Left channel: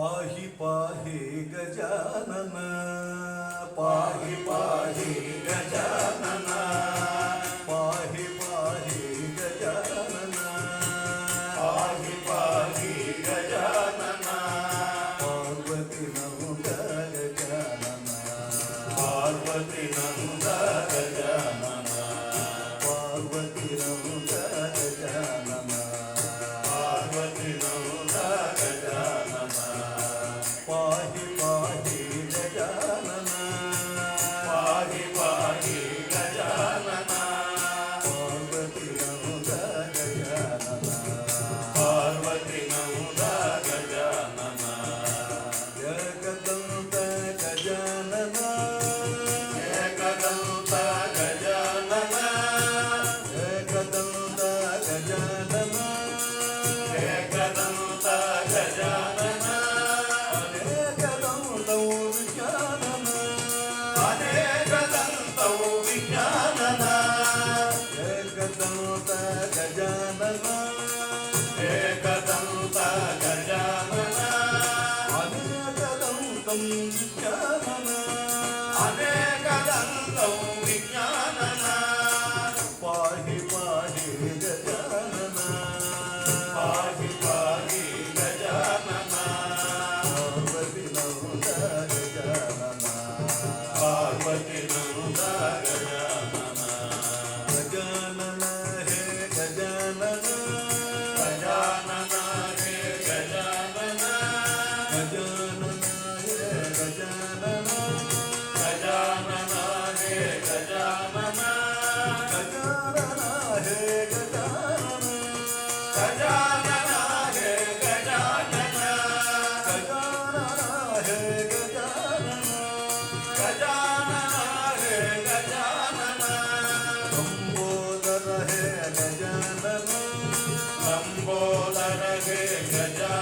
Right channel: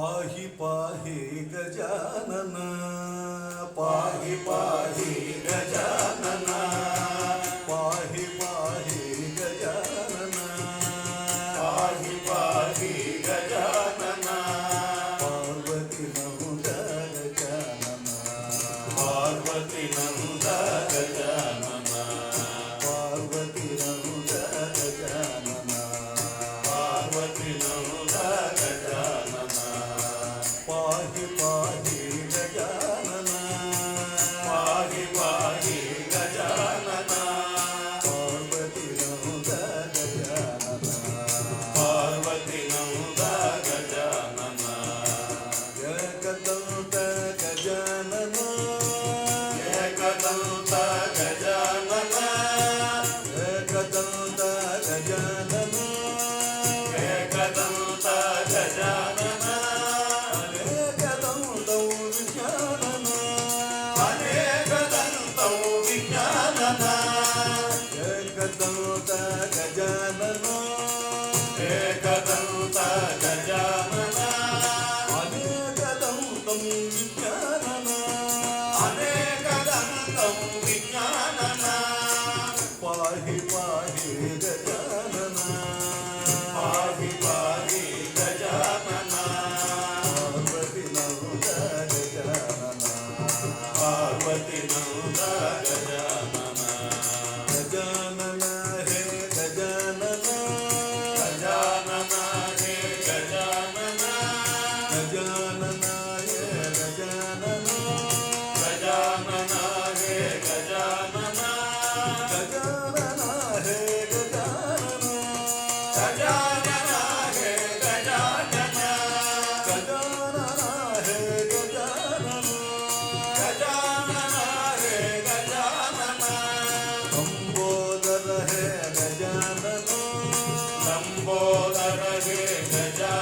पाहि पाहि गजानन पाहि पाहि गजानन पाहि पाहि गजानन पाहि पाहि गजानन पार्वती नंद गजानन पार्वती नंद गजानन पार्वती नंद गजानन पार्वती नंद गजानन पाहि पाहि गजानन पाहि पाहि गजानन पार्वती नंद गजानन पार्वती नंद गजानन एकदंत गजानन एकदंत गजानन एकदंत गजानन एकदंत गजानन अनेकदन्तौ विज्ञानन अनेकदन्तौ विज्ञानन एकदंत गजानन एकदंत गजानन अनेकदन्तौ विज्ञानन अनेकदन्तौ विज्ञानन पाहि पाहि गजानन पाहि पाहि गजानन पार्वती नंद गजानन पार्वती नंद गजानन गजानन हे गजानन गजानन हे गजानन गजानन हे गजानन गजानन हे गजानन गजानन हे गजानन गजानन हे गजानन गजानन हे गजानन गजानन हे गजानन लंबोदर हे गजानन लंबोदर हे गजानन